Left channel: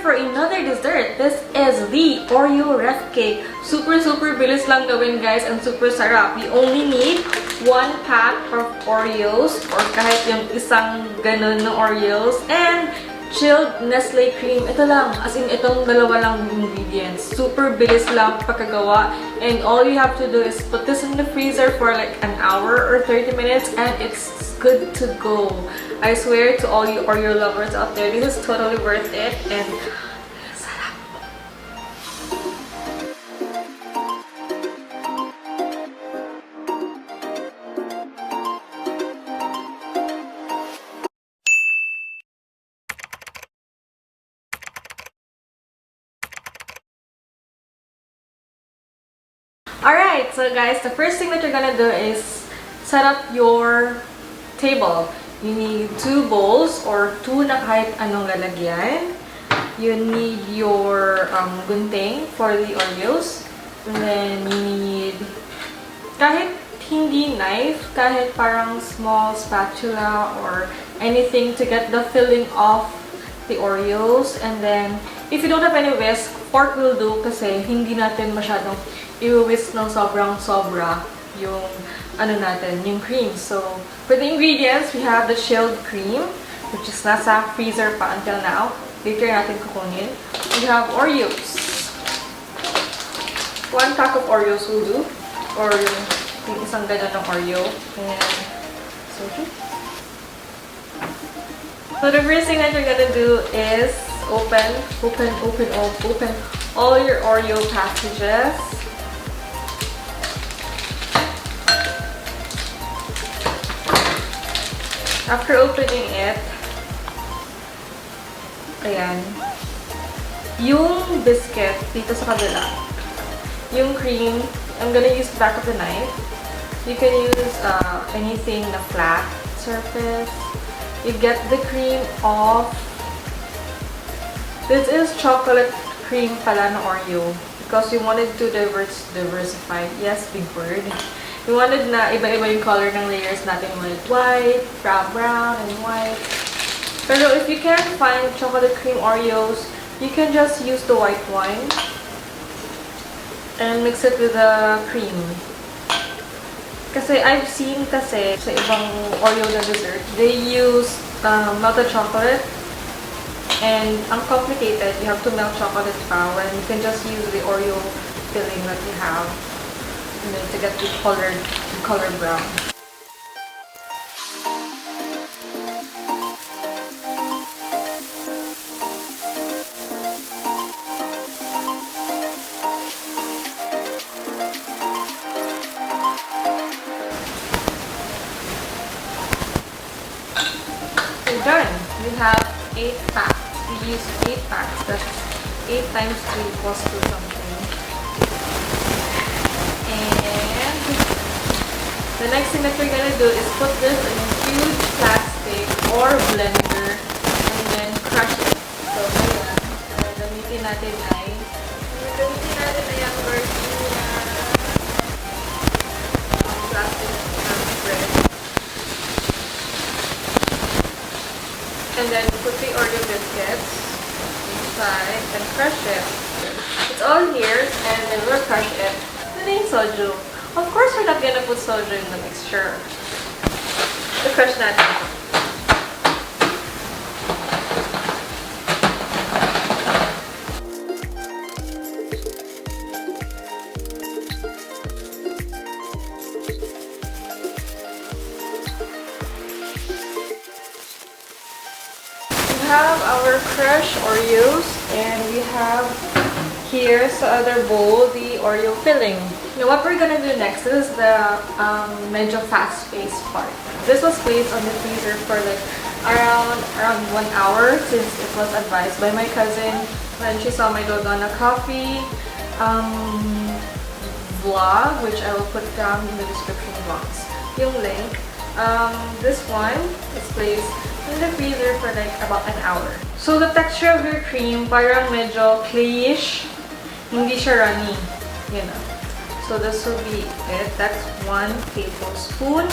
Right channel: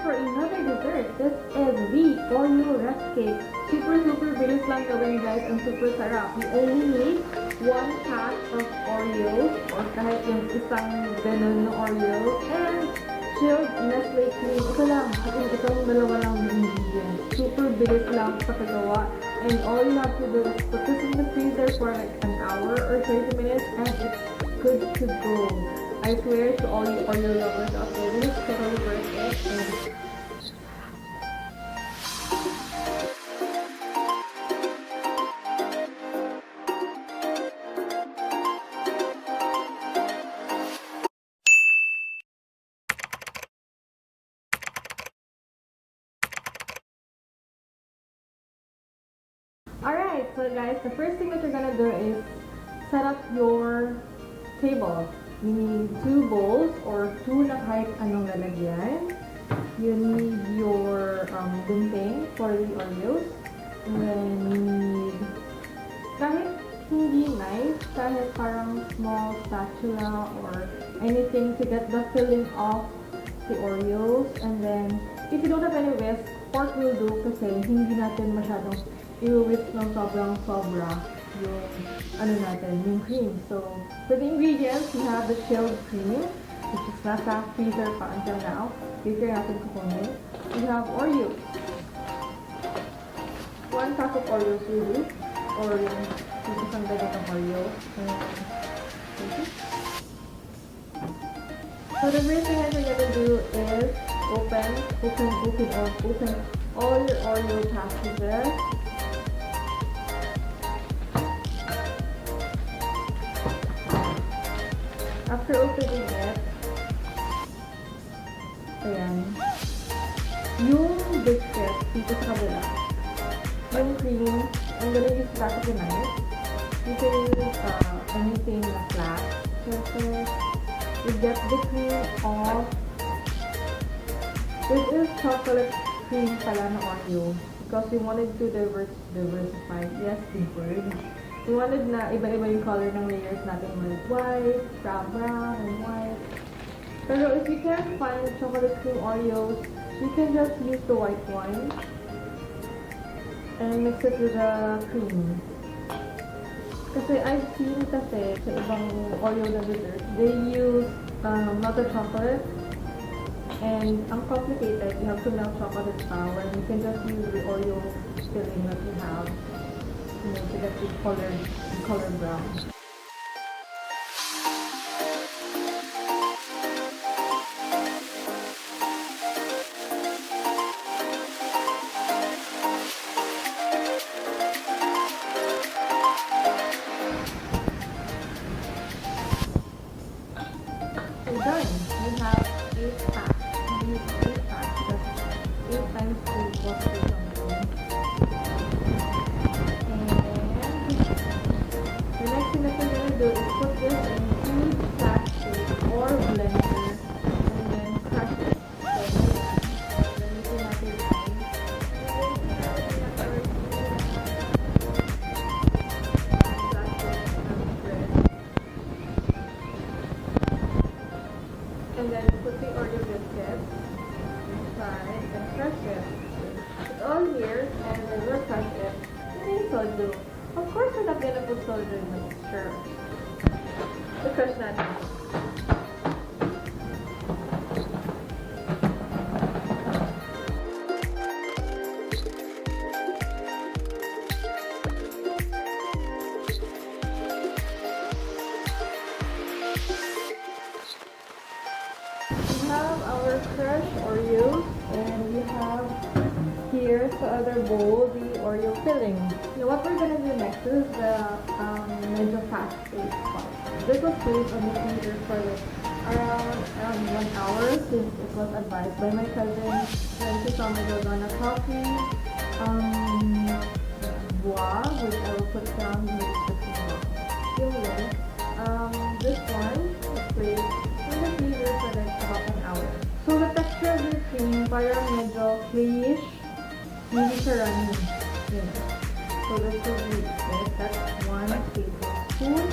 for another dessert. This is the Oreo Ref Cake. Super bilis lang gawin, guys, and super sarap. You only need 1 pack of Oreos or kahit yung isang ganun na Oreos and chilled Nestle cream. Ito lang, as in itong dalawa lang ingredients. Super bilis lang pagkagawa, and all you have to do is put this in the freezer for like an hour or 30 minutes and it's good to go. I swear to all you Oreo lovers out there, this is totally worth it and sarap. Alright, so guys, the first thing that you're gonna do is set up your table. You need 2 bowls or 2 na kahit anong lalagyan. You need your gunting for the Oreos. And then you need kahit hindi knife, kahit parang small spatula or anything to get the filling of the Oreos. And then, if you don't have any whisk, fork will do kasi hindi natin masyadong i-whisk ng sobrang-sobra yung ano natin, yung cream. So, for the ingredients, we have the chilled cream, which is nasa freezer pa until now. Later natin kukunin. We have Oreos. 1 pack of Oreos will do. Or yung isang ganyan ng Oreo. And Soju. So, the first thing that you're gonna do is open all your Oreo packages. After opening it, ayan, yung biscuit dito sa kabila, yung cream, I'm gonna use the back of the knife. You can use anything na flat surface. You get the cream off. This is chocolate cream pala na Oreo because we wanted to diversify. Yes, big word. We wanted na iba-iba yung color ng layers natin with white, brown, and white. Pero if you can't find chocolate cream Oreos, you can just use the white one and mix it with the cream. Kasi I've seen kasi sa ibang Oreo na dessert, they use melted chocolate and ang complicated. You have to melt chocolate pa when you can just use the Oreo filling that you have. And then to get the color brown. So done. You have 8 packs. We use 8 packs. That's 8 times 3 equals to something. The next thing that we're gonna do is put this in a huge plastic or blender and then crush it. So, ayan. Gamitin natin ay yung plastic bread. And then put the Oreo biscuits inside and crush it. It's all here and then we'll crush it. Ito na yung Soju. Of course, we're not gonna put Soju in the mixture. The crush natin. We have our crushed Oreos, and we have here sa other bowl the Oreo filling. Now what we're gonna do next is the medyo fast-paced part. This was placed on the freezer for like around 1 hour since it was advised by my cousin when she saw my DALGONA coffee vlog, which I will put down in the description box. Yung link. This one is placed in the freezer for like about an hour. So the texture of your cream parang medyo clayish. Hindi siya runny, you know. So this will be it. That's 1 tablespoon.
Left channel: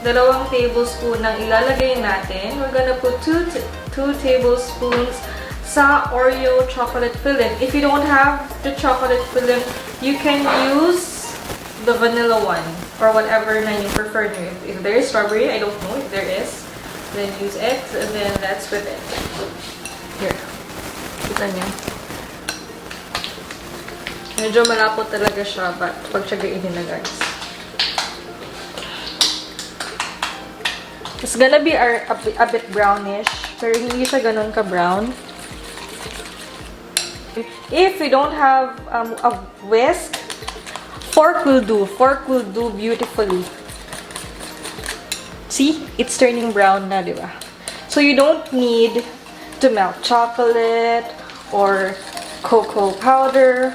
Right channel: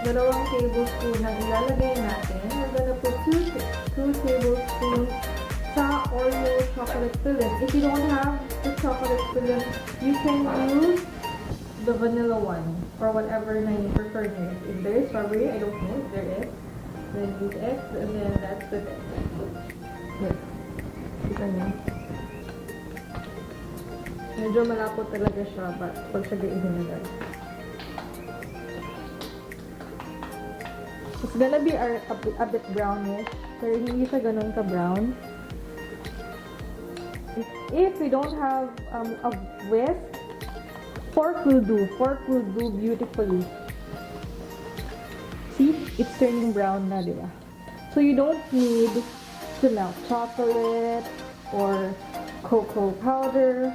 2 tablespoon ang ilalagay natin. We're gonna put 2 tablespoons sa Oreo chocolate filling. If you don't have the chocolate filling, you can use the vanilla one or whatever na you prefer. If there is strawberry, I don't know if there is, then use it, and then that's with it. Here. Kita niyo. Medyo malapot talaga siya, but pagtsagain na guys. It's gonna be a bit brownish, pero hindi siya ganun ka-brown. If you don't have a whisk, fork will do. Fork will do beautifully. See? It's turning brown na, di ba? So you don't need to melt chocolate or cocoa powder.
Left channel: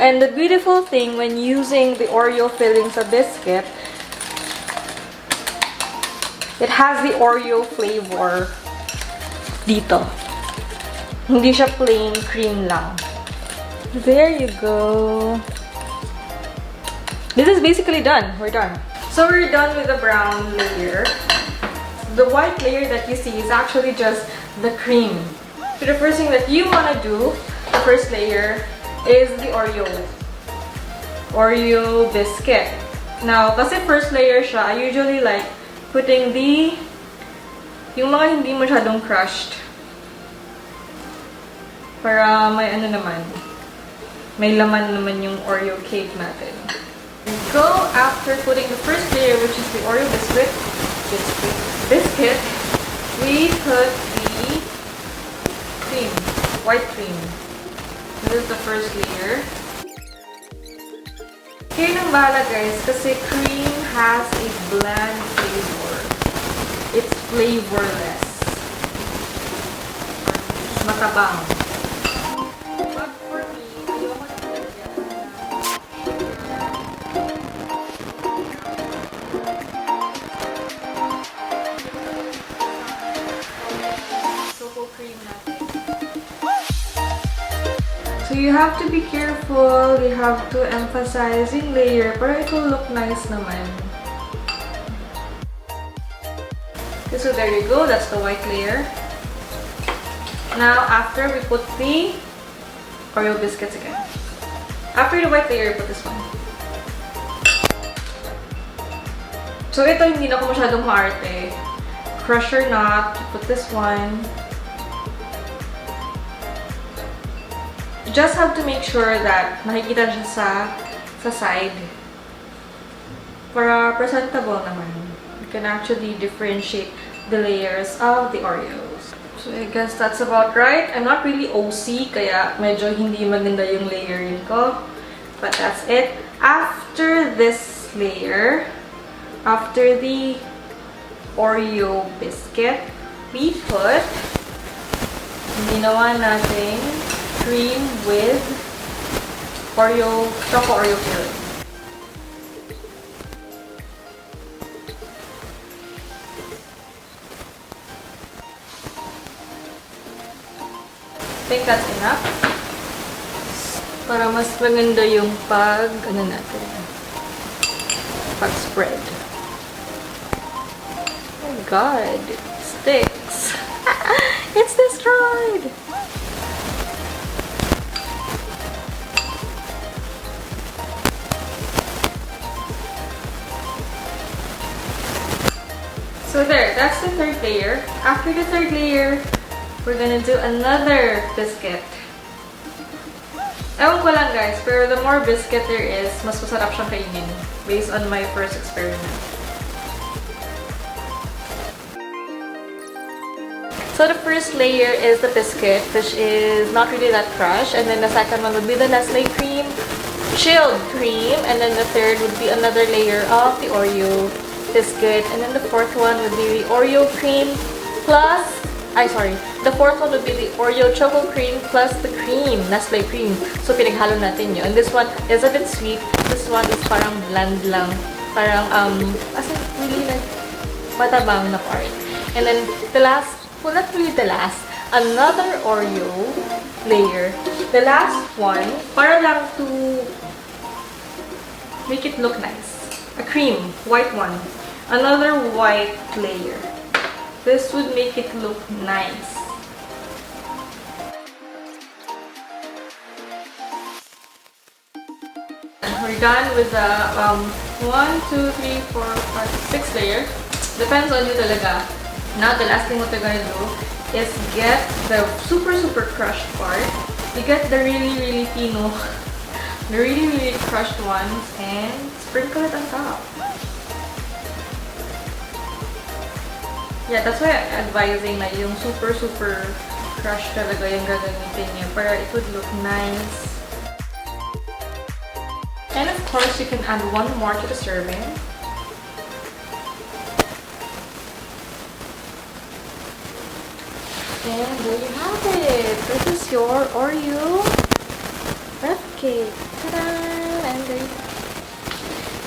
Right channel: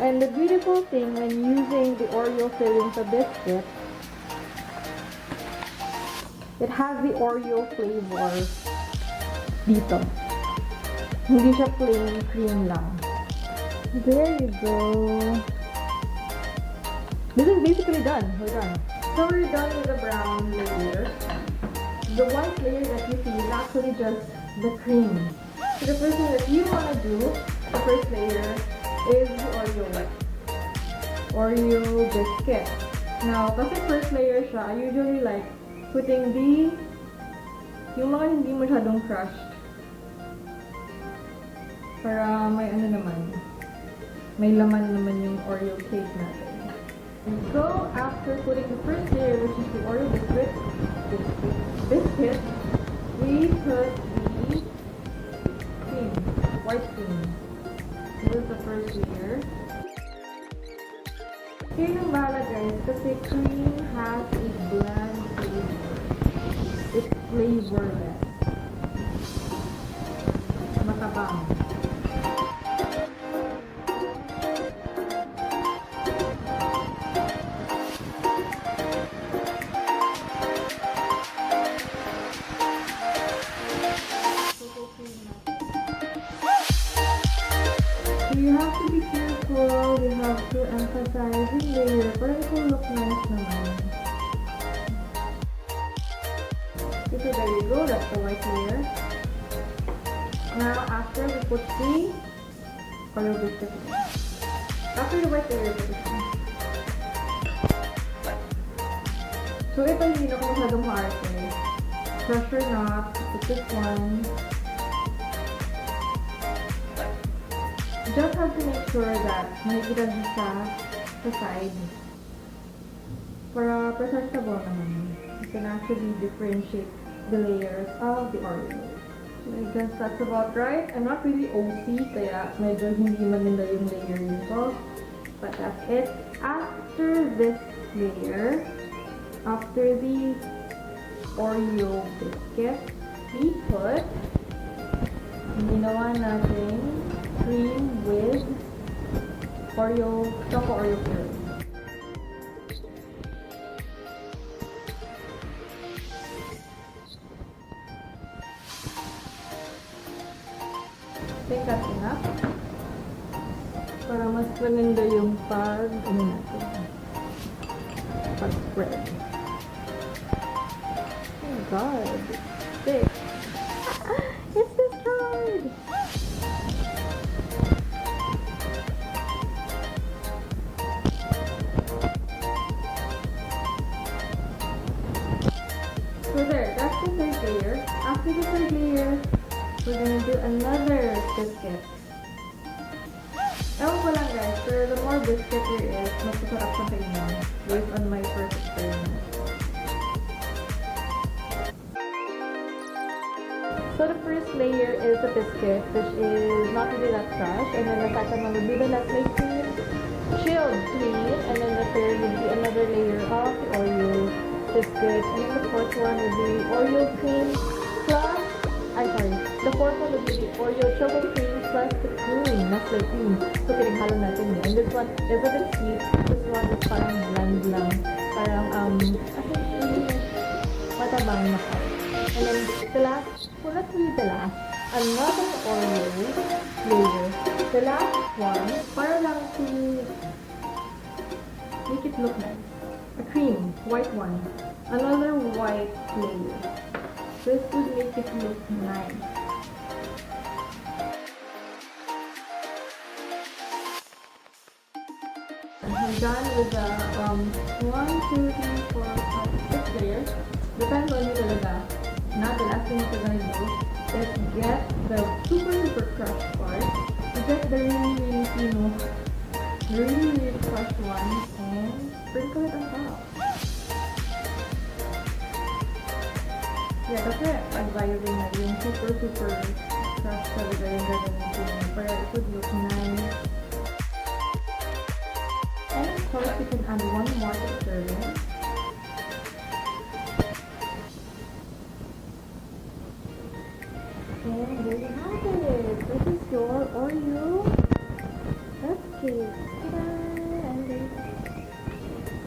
And the beautiful thing when using the Oreo filling sa biscuit, it has the Oreo flavor dito. Hindi siya plain cream lang. There you go. This is basically done. We're done. So we're done with the brown layer. The white layer that you see is actually just the cream. So the first thing that you want to do, the first layer, is the Oreo biscuit. Now, kasi first layer siya, I usually like putting yung mga hindi masyadong crushed. Para may ano naman, may laman naman yung Oreo cake natin. Go after putting the first layer, which is the Oreo biscuit, we put the cream, white cream. This is the first layer. Kayo nang bahala guys, kasi cream has a bland flavor. It's flavorless. Matabang. But for me, cocoa cream natin. So you have to be careful, you have to emphasize yung layer para it will look nice naman. Okay, so there you go, that's the white layer. Now after we put the Oreo biscuits again. After the white layer, put this one. So ito hindi na ako masyadong maarte. Crush or not, put this one. You just have to make sure that makikita siya sa side. Para presentable naman. You can actually differentiate the layers of the Oreos. So I guess that's about right. I'm not really OC, kaya medyo hindi maganda yung layering ko. But that's it. After this layer, after the Oreo biscuit, we put ginawa natin cream with choco Oreo filling. I think that's enough. Para mas maganda yung ano natin, pag-spread. Oh my god, it sticks. It's destroyed! So there, that's the third layer. After the third layer, we're gonna do another biscuit. Ewan ko lang guys, pero the more biscuit there is, mas masarap siyang kainin. Based on my first experiment. So the first layer is the biscuit, which is not really that crushed. And then the second one would be the Nestle cream, chilled cream. And then the third would be another layer of the Oreo biscuit, and then the fourth one would be the Oreo cream plus, the fourth one would be the Oreo choco cream plus the cream, Nestle cream. So pinaghalo natin yun. And this one is a bit sweet. This one is parang bland lang. Parang, really like, matabang na part. And then the last, well not really the last, another Oreo layer. The last one, para lang to make it look nice. A cream, white one. Another white layer. This would make it look nice. We're done with the 1, 2, 3, 4, 5, 6 layers. Depends on you talaga. Now the last thing what we're gonna do is get the super crushed part. You get the really fino, the really crushed ones, and sprinkle it on top. Yeah, that's why I'm advising na yung super crushed talaga yung gagamitin niya para it would look nice. And of course, you can add one more to the serving. And there you have it. This is your Oreo wrap cake. Ta-da! And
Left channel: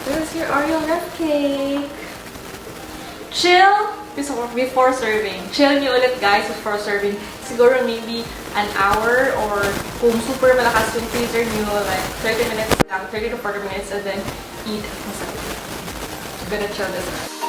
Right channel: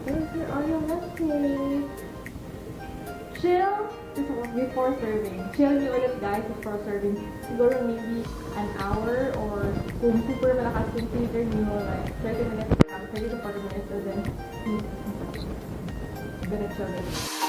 this is your Oreo wrap cake. Chill before serving. Chill nyo ulit guys before serving. Siguro maybe an hour or kung super malakas yung freezer nyo, like 30 minutes lang, 30 to 40 minutes, and then eat. I'm gonna chill this.